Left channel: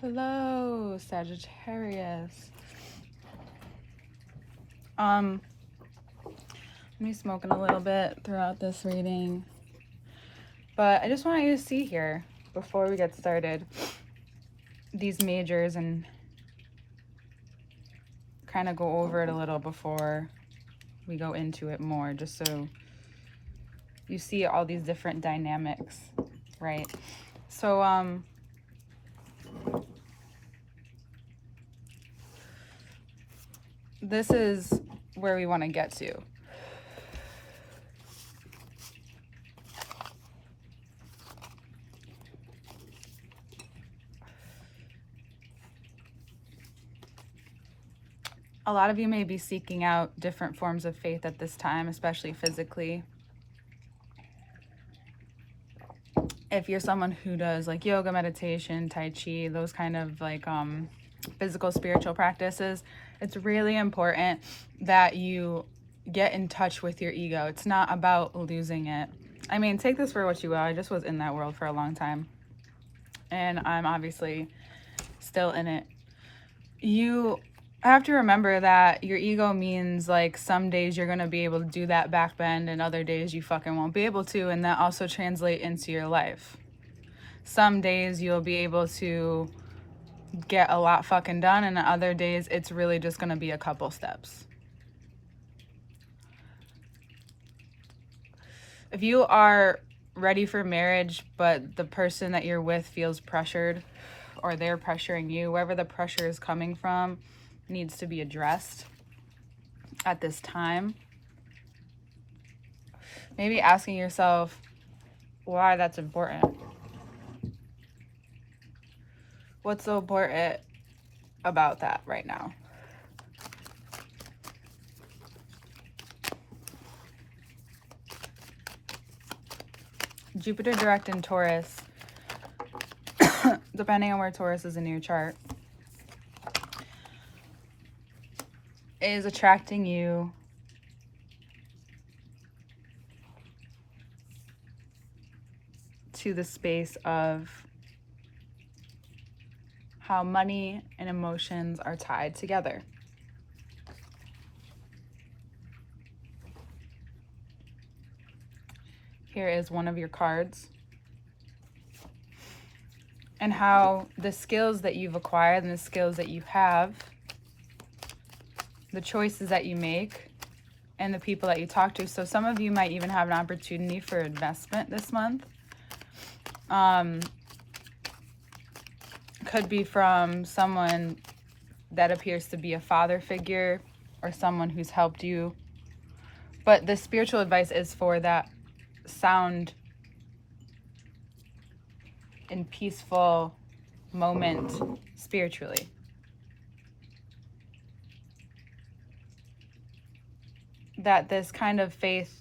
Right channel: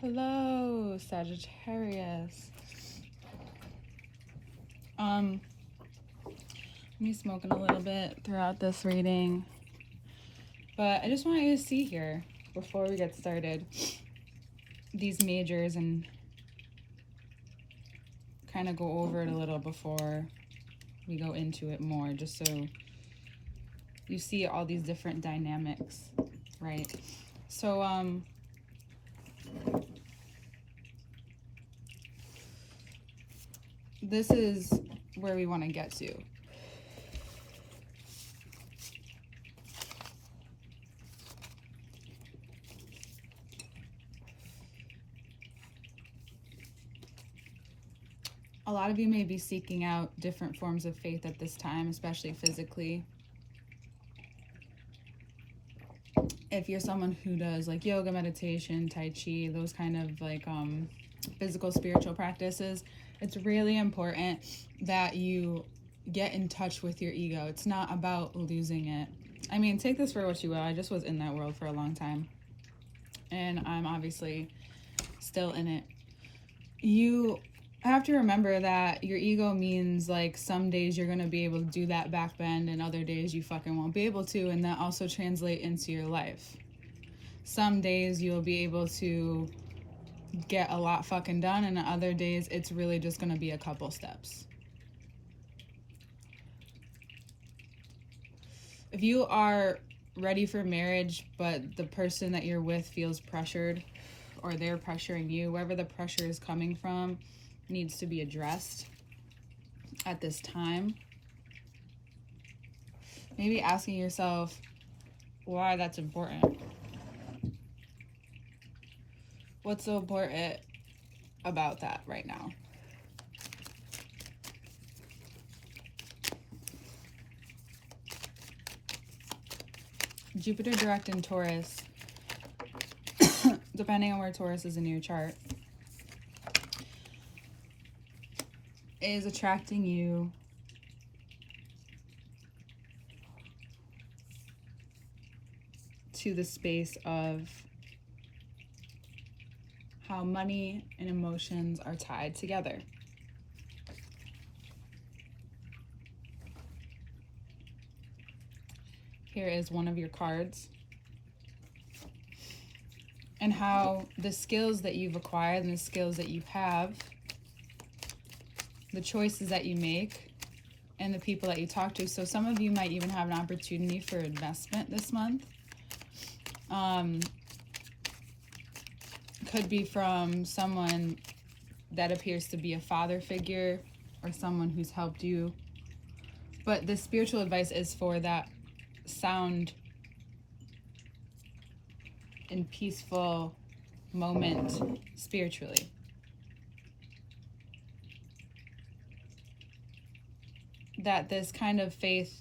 Hello, Sagittarius. Me smoking a little bit throughout this reading, but I just want you to see here before we get started these majors and kind of go over it a little before we go into it more, just so you see all these different dynamics, right? So this is where we want to get to. A lot of you may be seeking out different forms of faith at this time, especially physically. If you're someone who does like yoga, meditation, tai chi, those kind of like physical spiritual practices, it's really important that you get in touch with your ego. It's not about losing it. I mean, take this for what you will. I just was in that world for a long time, and I'm obviously still in it. You have to remember that your ego means like some days you're going to be able to do that back bend and other days you fucking won't be able to, and that also translate into your life. Some days you'll be able to get a lot fucking done, and other days it's really just going to be a couple steps. If you are ready for marriage but the person that you're with feels pressured, or they're pressuring you, wherever the pressure is coming from needs to be addressed at this time. Maybe asking yourself why that's important. What's so important about that right now? Jupiter direct in Taurus, depending on where Taurus is in your chart, is attracting you to the space of how money and emotions are tied together. Here is one of your cards, and how the skills that you've acquired and the skills that you have, the choices that you make, and the people that you talk to. So some of you might even have an opportunity for investment this month. Could be from someone that appears to be a father figure or someone who's helped you. But the spiritual advice is for that sound and peaceful moment spiritually. That this kind of faith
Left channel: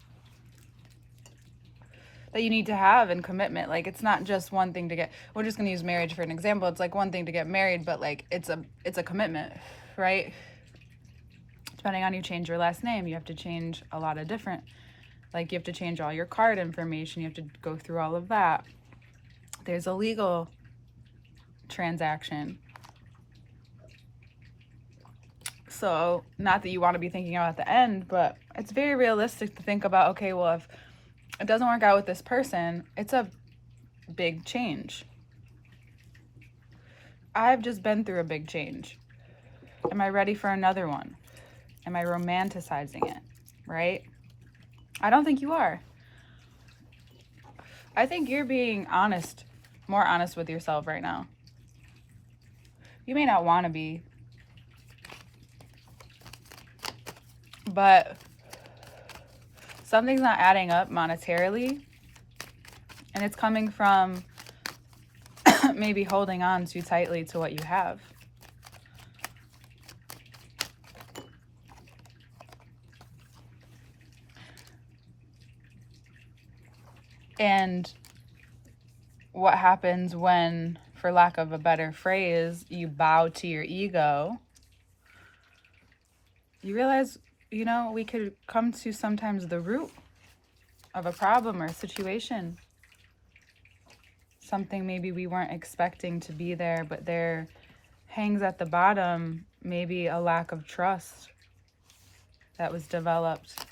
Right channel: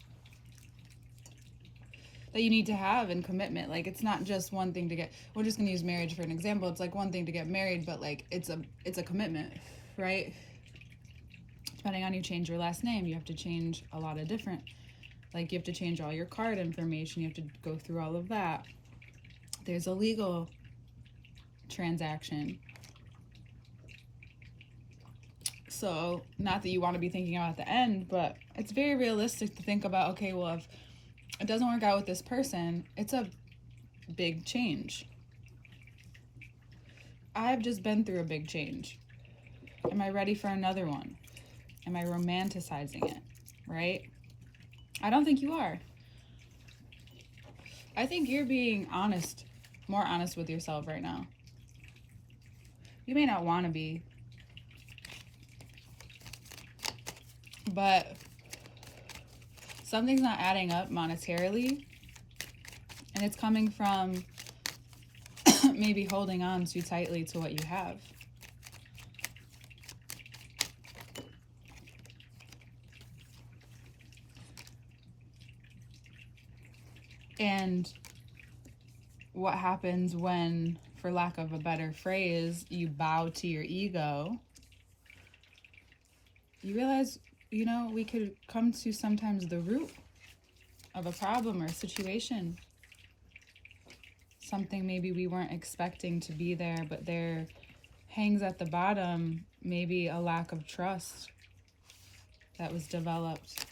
that you need to have and commitment, like it's not just one thing to get, we're just going to use marriage for an example. It's like one thing to get married, but like it's a commitment, right? Depending on you change your last name, you have to change a lot of different, like you have to change all your card information, you have to go through all of that. There's a legal transaction. So not that you want to be thinking about the end, but it's very realistic to think about, okay, well, if it doesn't work out with this person, it's a big change. I've just been through a big change. Am I ready for another one? Am I romanticizing it, right? I don't think you are. I think you're being honest, more honest with yourself right now. You may not want to be, but something's not adding up monetarily, and it's coming from maybe holding on too tightly to what you have. And what happens when, for lack of a better phrase, you bow to your ego, you realize, you know, we could come to sometimes the root of a problem or a situation. something maybe we weren't expecting to be there, but there hangs at the bottom maybe a lack of trust that was developed.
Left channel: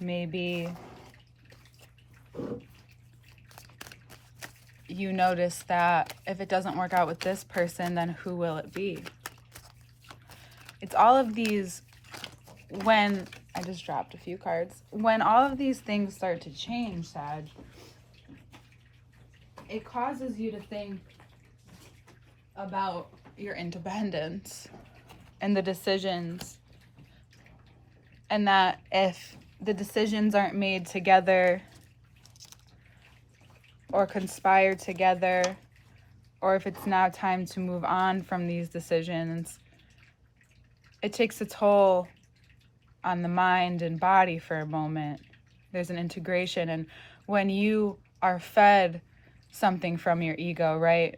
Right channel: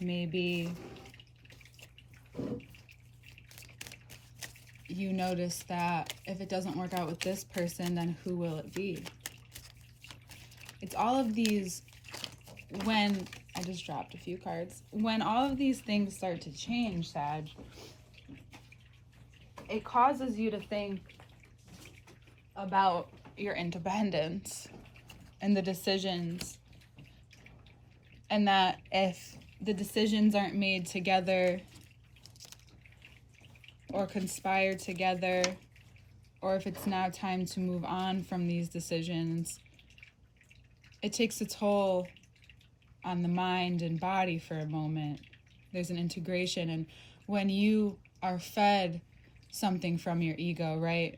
Maybe you notice that if it doesn't work out with this person, then who will it be? It's all of these, when, I just dropped a few cards. When all of these things start to change, Sag, it causes you to think about your independence and the decisions. And that if the decisions aren't made together or conspire together, or if it's now time to move on from these decisions, it takes a toll on the mind and body for a moment. There's an integration. And when you are fed something from your ego, right?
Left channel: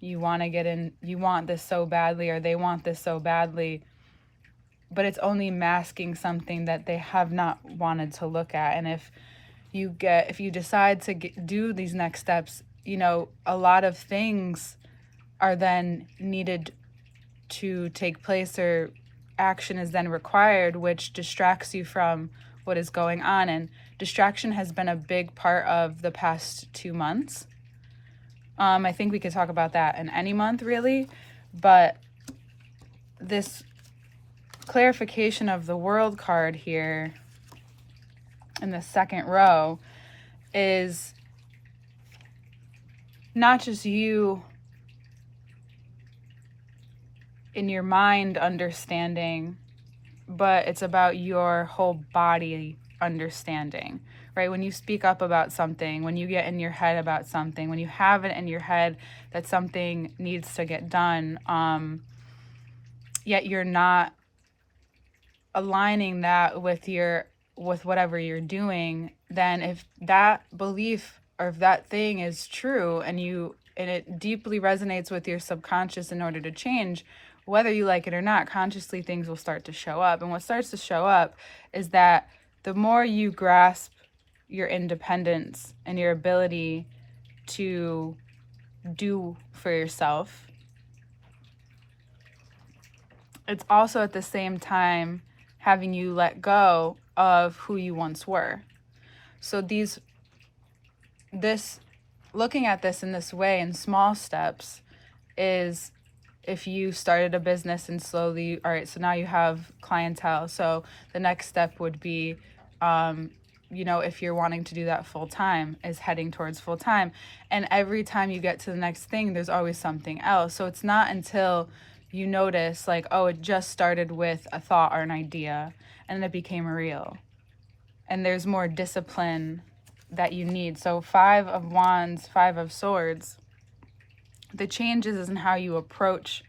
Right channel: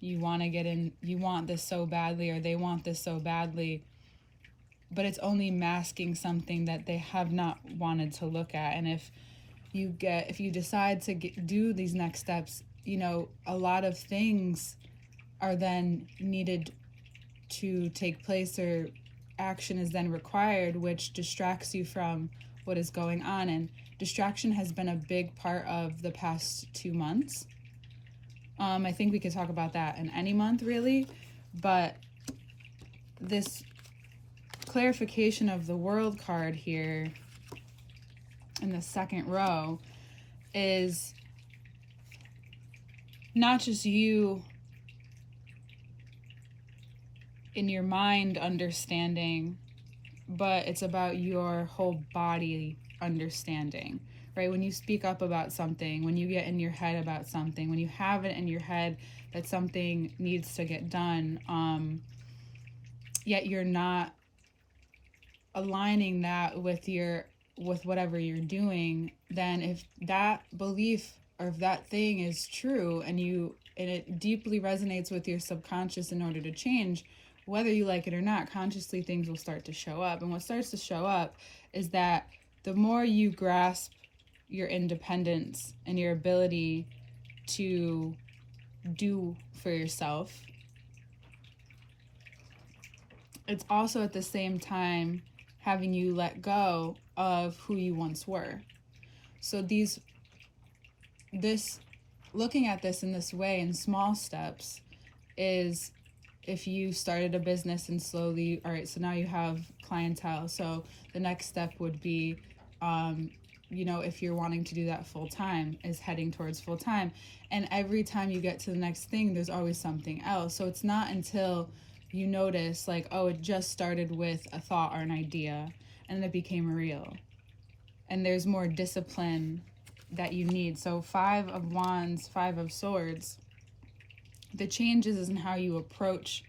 You want to get in, you want this so badly, or they want this so badly, but it's only masking something that they have not wanted to look at. And if you decide to do these next steps, you know, a lot of things are then needed to take place, or action is then required, which distracts you from what is going on. And distraction has been a big part of the past 2 months. I think we could talk about that in any month, really. But this clarification of the World card here in the second row is not just you in your mind understanding, but it's about your whole body understanding, right? When you speak up about something, when you get in your head about something, when you have it in your head that something needs to get done, yet you're not aligning that with whatever you're doing, then if that belief or if that thing is true and it deeply resonates with your subconscious in order to change, whether you like it or not, consciously things will start to show up. And what starts to show up is that the more you grasp your independence and your ability to do for yourself, it's also at the same time having you let go of who you once were. So looking at this in this way in small steps is, if you started a business and slowly, all right, so now you have clientele. So the next step would be, if you're wanting to do that full time, is heading towards full time. And every time you get to the next thing, there's always something else. So it's not until you notice, like, oh, it just started with a thought or an idea, and then it became real. And there's more discipline that you need. So 5 of Wands, 5 of Swords, the changes is in how you approach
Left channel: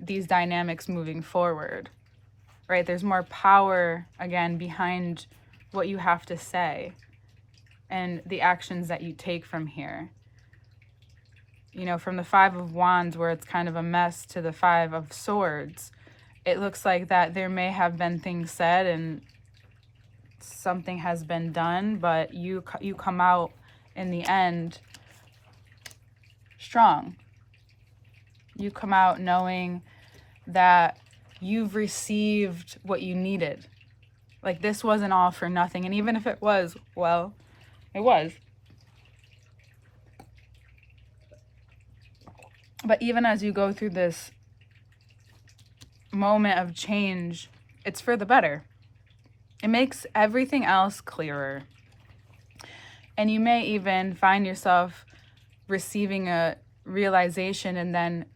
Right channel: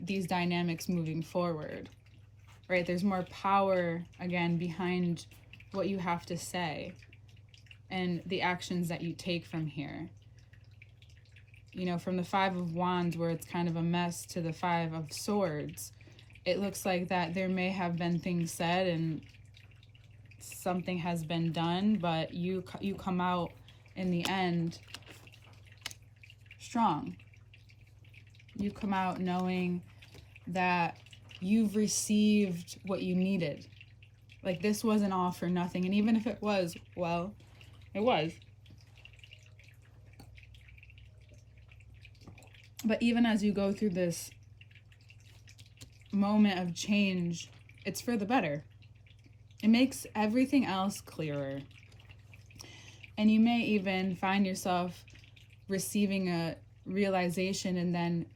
these dynamics moving forward, right? There's more power, again, behind what you have to say and the actions that you take from here. You know, from the 5 of Wands, where it's kind of a mess, to the 5 of Swords, it looks like that there may have been things said and something has been done, but you come out in the end strong. You come out knowing that you've received what you needed. Like, this wasn't all for nothing. And even if it was, well, it was. But even as you go through this moment of change, it's for the better. It makes everything else clearer. And you may even find yourself receiving a realization, and then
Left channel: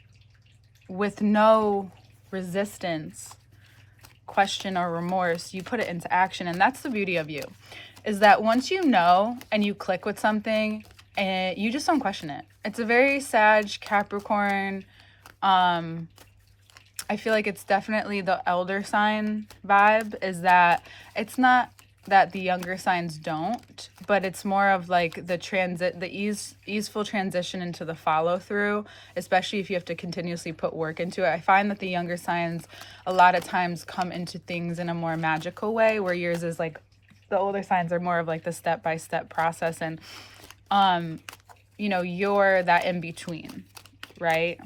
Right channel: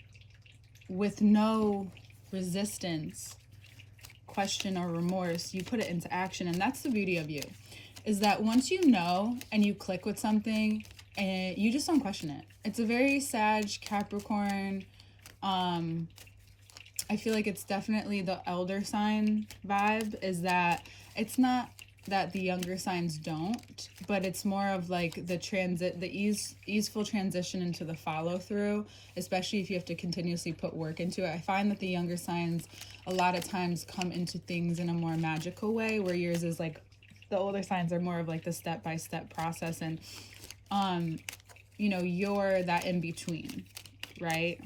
with no resistance, question, or remorse, you put it into action. And that's the beauty of you, is that once you know and you click with something, and you just don't question it. It's a very Sag, Capricorn. I feel like it's definitely the elder sign vibe, is that it's not that the younger signs don't, but it's more of like the easeful transition into the follow through, especially if you have to continuously put work into it. I find that the younger signs a lot of times come into things in a more magical way, where yours is like, the older signs are more of like the step-by-step process. And you're that in between, right?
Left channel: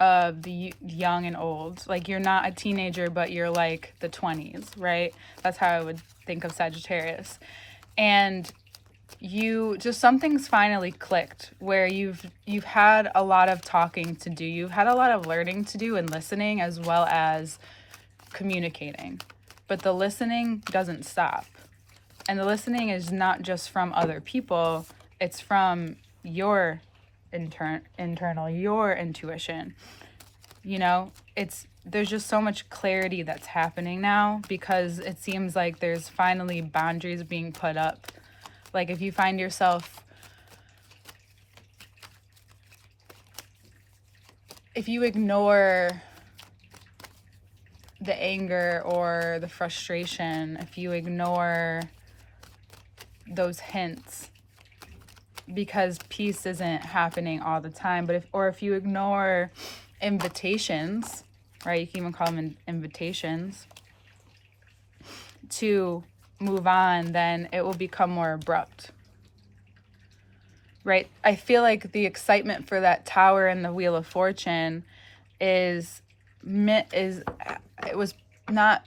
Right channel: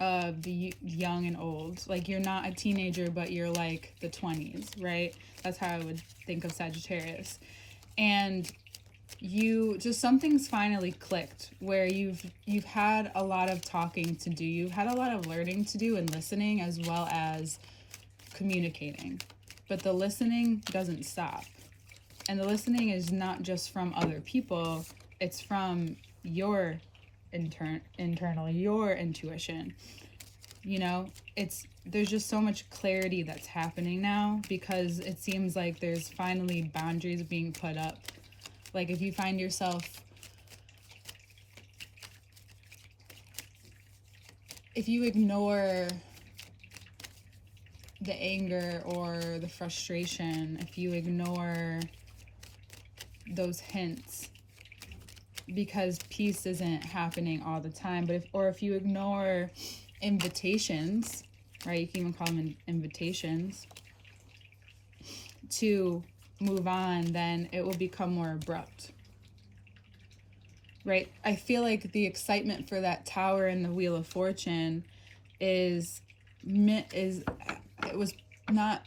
Of the young and old. Like, you're not a teenager, but you're like the 20s, right? That's how I would think of Sagittarius. And something's finally clicked, where you've had a lot of talking to do. You've had a lot of learning to do and listening, as well as communicating. But the listening doesn't stop. And the listening is not just from other people, it's from your internal, your intuition. There's just so much clarity that's happening now, because it seems like there's finally boundaries being put up. Like, if you find yourself, if you ignore the anger or the frustration, if you ignore those hints, because peace isn't happening all the time, but if you ignore invitations, right? You can even call them invitations to move on, then it will become more abrupt, right? I feel like the excitement for that tower in the Wheel of Fortune it was not,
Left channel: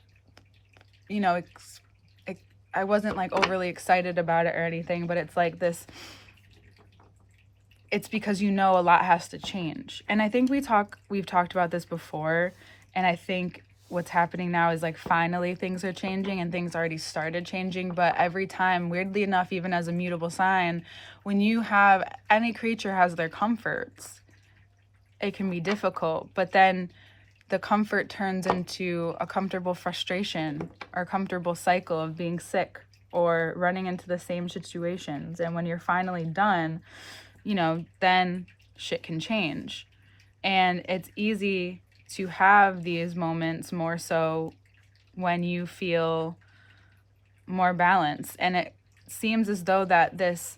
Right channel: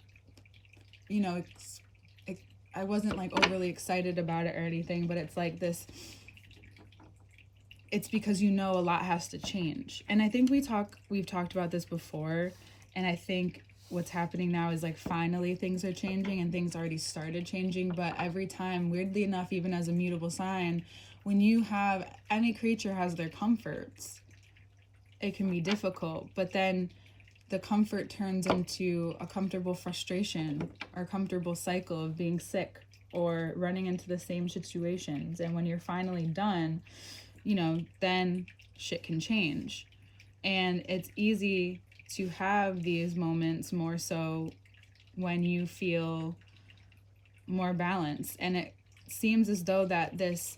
I wasn't like overly excited about it or anything, but it's like this, it's because a lot has to change. And I think we've talked about this before, and I think what's happening now is like finally things are changing, and things already started changing. But every time, weirdly enough, even as a mutable sign, when any creature has their comforts, it can be difficult. But then the comfort turns into a comfortable frustration or comfortable cycle of being sick or running into the same situations. And when you're finally done, then shit can change. And it's easy to have these moments more so when you feel more balanced. And it seems as though that this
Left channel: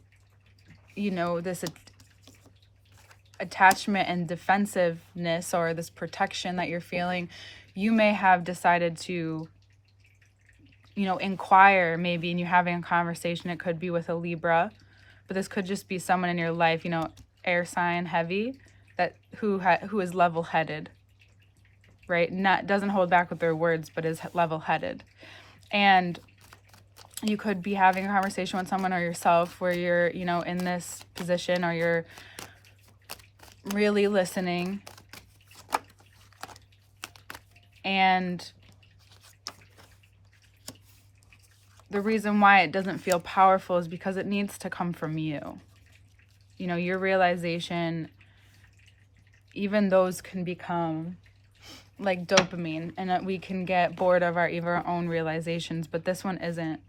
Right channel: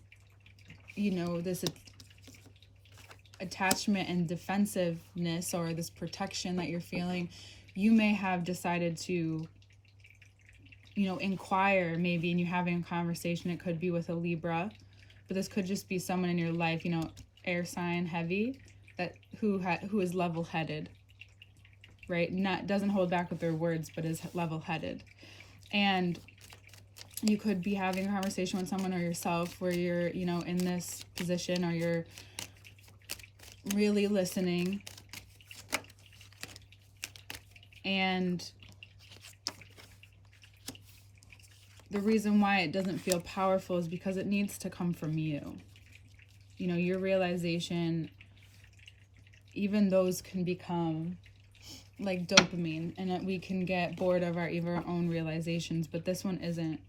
attachment and defensiveness, or this protection that you're feeling, you may have decided to, inquire maybe, and you're having a conversation. It could be with a Libra, but this could just be someone in your life, air sign heavy, that who is level-headed, right? Doesn't hold back with their words, but is level-headed. And you could be having a conversation with someone or yourself where you're, in this position, or you're really listening, and the reason why it doesn't feel powerful is because it needs to come from you. Your realization, even those can become like dopamine, and we can get bored of our own realizations, but this one isn't.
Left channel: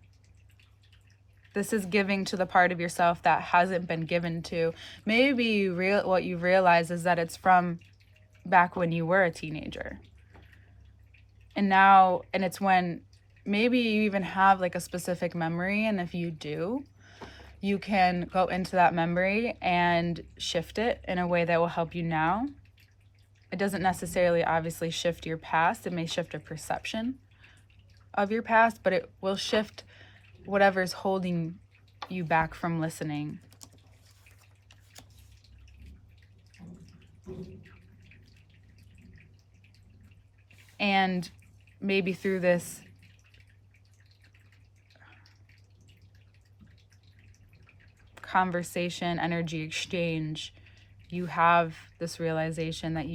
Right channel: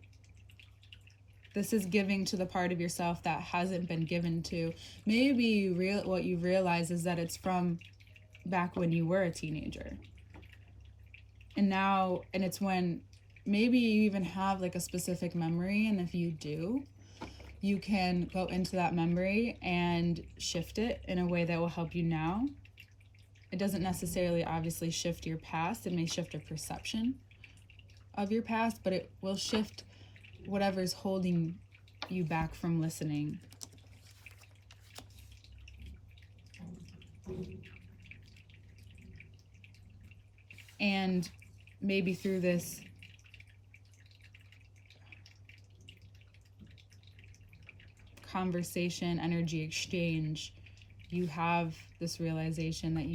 This is giving to the part of yourself that hasn't been given to. Maybe what you realize is that it's from back when you were a teenager. And it's when maybe you even have like a specific memory, and if you do, you can go into that memory and shift it in a way that will help you now. It doesn't necessarily obviously shift your past. It may shift a perception of your past, but it will shift whatever's holding you back from listening. And maybe through this conversation, energy exchange, you have this realization that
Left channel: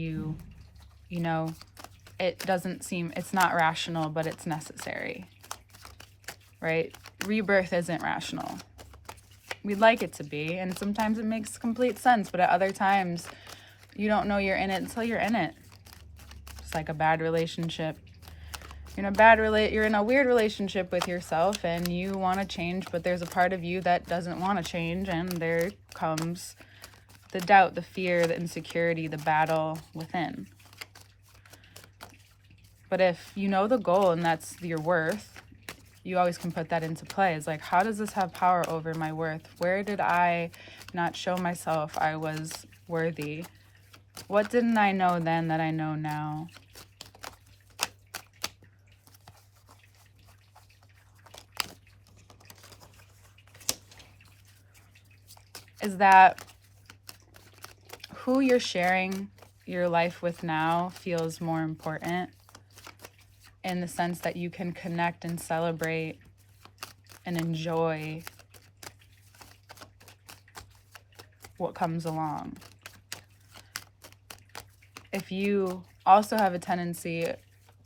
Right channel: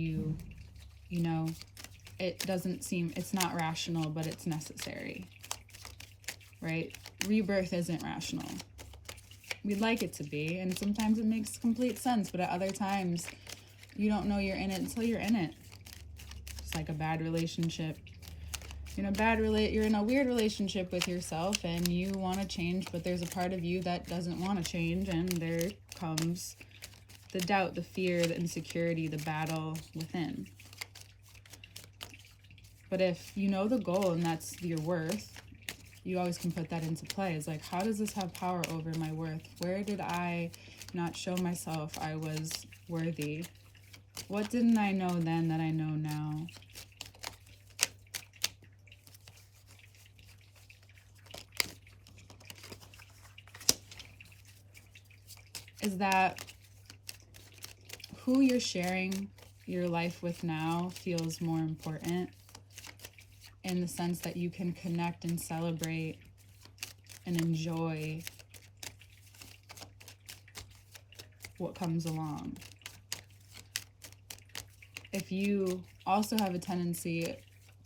it's not rational, but it's necessary, right? Rebirth isn't rational. We'd like it to be, and sometimes it makes complete sense, but at other times, you don't know you're in it until you're in it. It's like a bad relationship. You're in a weird relationship with yourself, and you want to change, but there's a part of you that doesn't want to change, and there comes the doubt, the fear, the insecurity, the battle within. But if you know the goal and that's your worth, you always can put that into play. It's like, how does this have power over my worth? Where did I not show myself I was worthy? What didn't I know then that I know now? is that who you're sharing your life with now feels more important, in the sense that you can connect and celebrate and enjoy what comes along. If you also have a tendency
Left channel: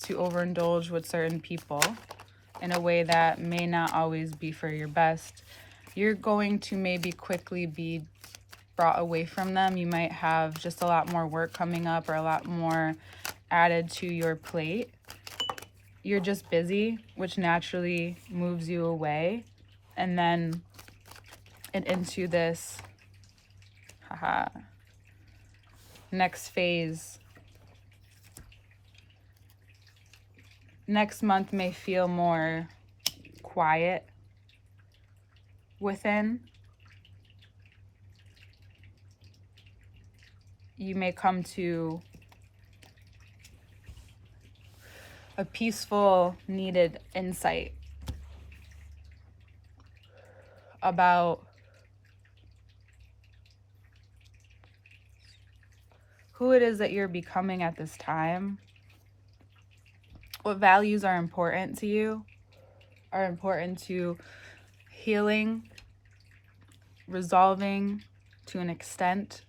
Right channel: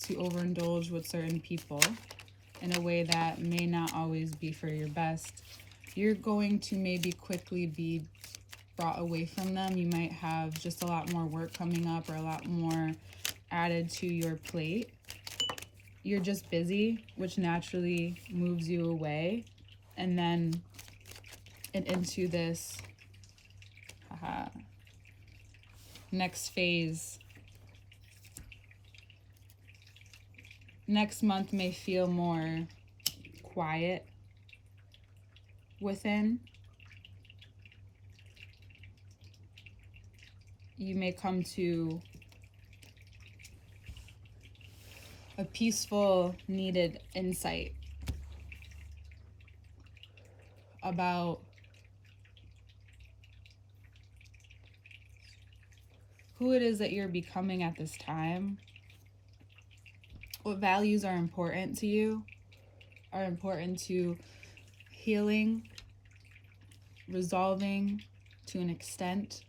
to overindulge with certain people in a way that may not always be for your best, you're going to maybe quickly be brought away from them. You might have just a lot more work coming up, or a lot more added to your plate. You're just busy, which naturally moves you away, and then into this next phase. Next month may feel more quiet within. You may come to a peaceful, needed insight about who it is that you're becoming at this time, what values are important to you, are important to healing, resolving to an extent.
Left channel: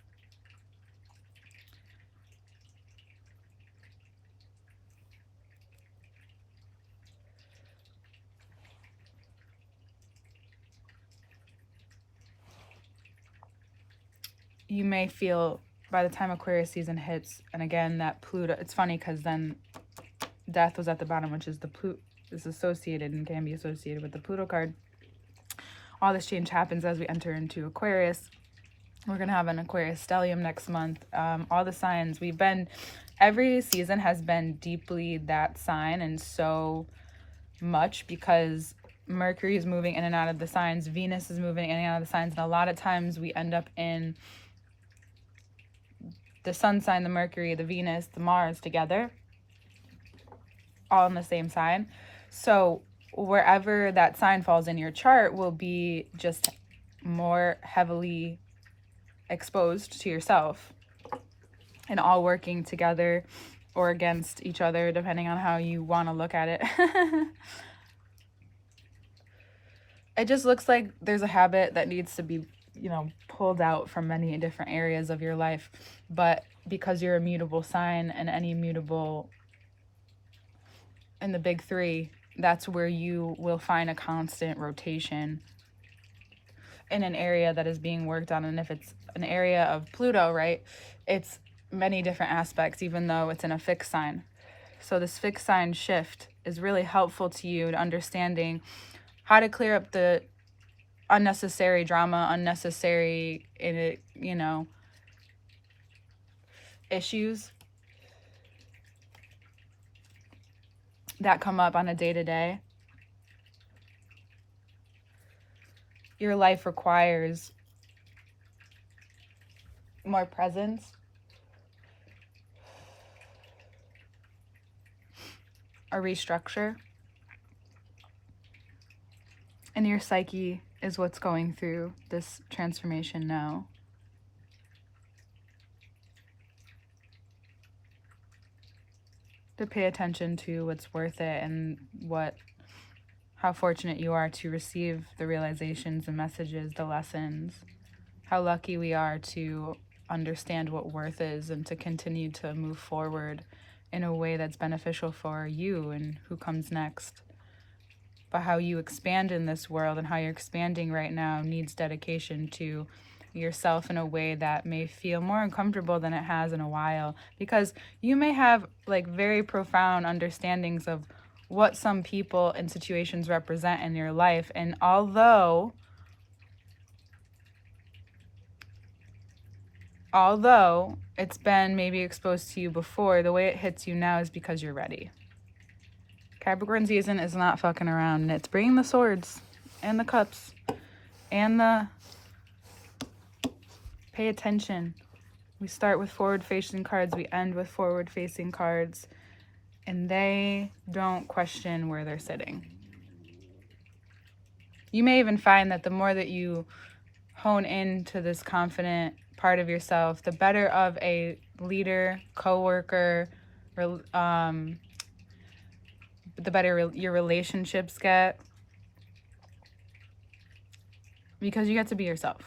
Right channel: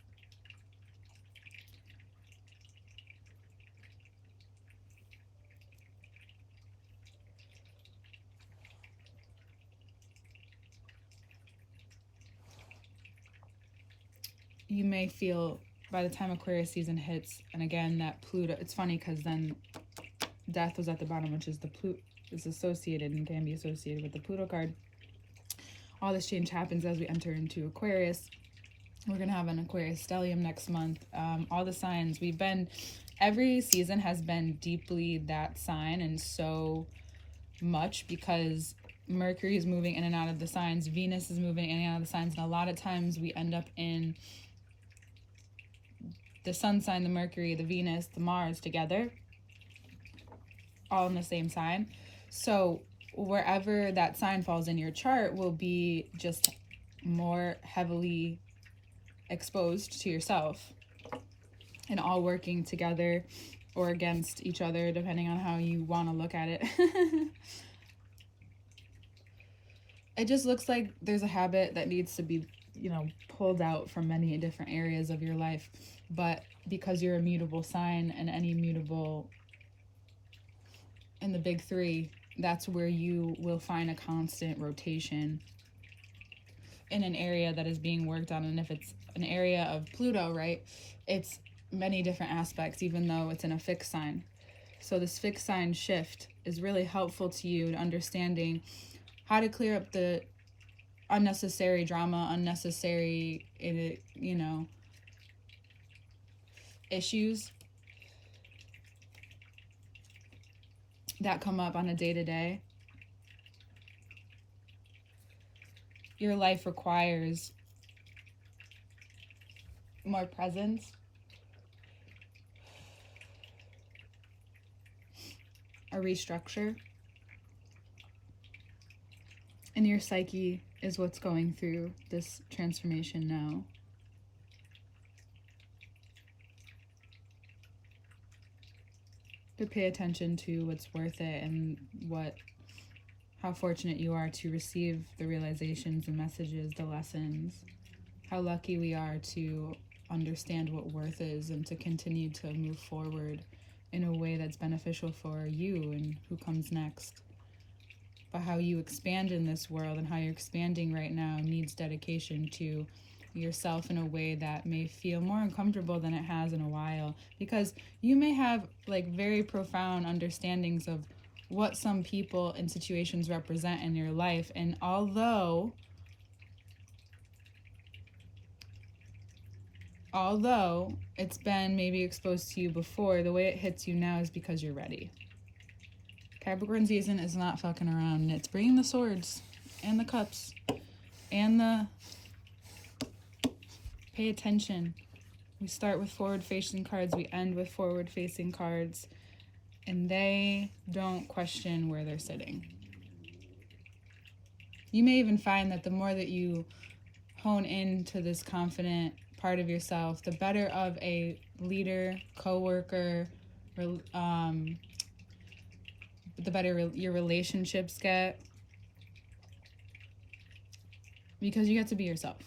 You may feel by the time Aquarius season hits, and again, that Pluto, it's funny because then death was at the bottom, which is the Pluto, is associated and can be associated with the Pluto card. All this change happens as we enter into Aquarius. We're going to have an Aquarius stellium next month. All the signs every season has been deeply that sign, and so much because Mercury is moving in and out of the signs, Venus is moving in and out of the signs, and a lot of times we end up in the sun sign, the Mercury, the Venus, the Mars together, all in the same sign. So wherever that sign falls in your chart will be just more heavily exposed to yourself, and all working together or against each other, depending on how you want to look at it. It just looks like there's a habit that needs to be, pulled out from many different areas of your life. But because you're a mutable sign, and any mutable in the big three, that's where you will find a constant rotation in an area that is being worked on. And if it's an area of Pluto, right, it's many different aspects, even though it's in a fixed sign. So this fixed sign shift is really helpful to you to understanding how to clear up the unnecessary drama, unnecessary, issues that come up on a day-to-day. Your life requires more presence, a restructure, and your psyche is what's going through this transformation now. To pay attention to what's worth it, and how fortunate you are to receive the realizations, the messages, the lessons. How lucky we are to understand what worth is, and to continue to move forward in a way that's beneficial for you and who comes next. But how you expand in this world, and how you're expanding right now, needs dedication to yourself in a way that may feel more uncomfortable than it has in a while, because you may have very profound understandings of what some people and situations represent in your life. And although it's been maybe exposed to you before, the way it hits you now is because you're ready. Capricorn season is not fucking around, and it's bringing the swords and the cups and the pay attention. We start with forward-facing cards, we end with forward-facing cards, and they don't question where they're sitting. You may even find that the more that you hone into this confident part of yourself, the better of a leader, coworker, the better your relationships get, because you get to be yourself.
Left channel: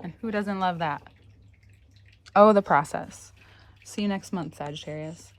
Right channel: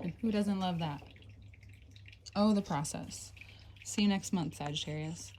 And who doesn't love that? Oh, the process. See you next month, Sagittarius.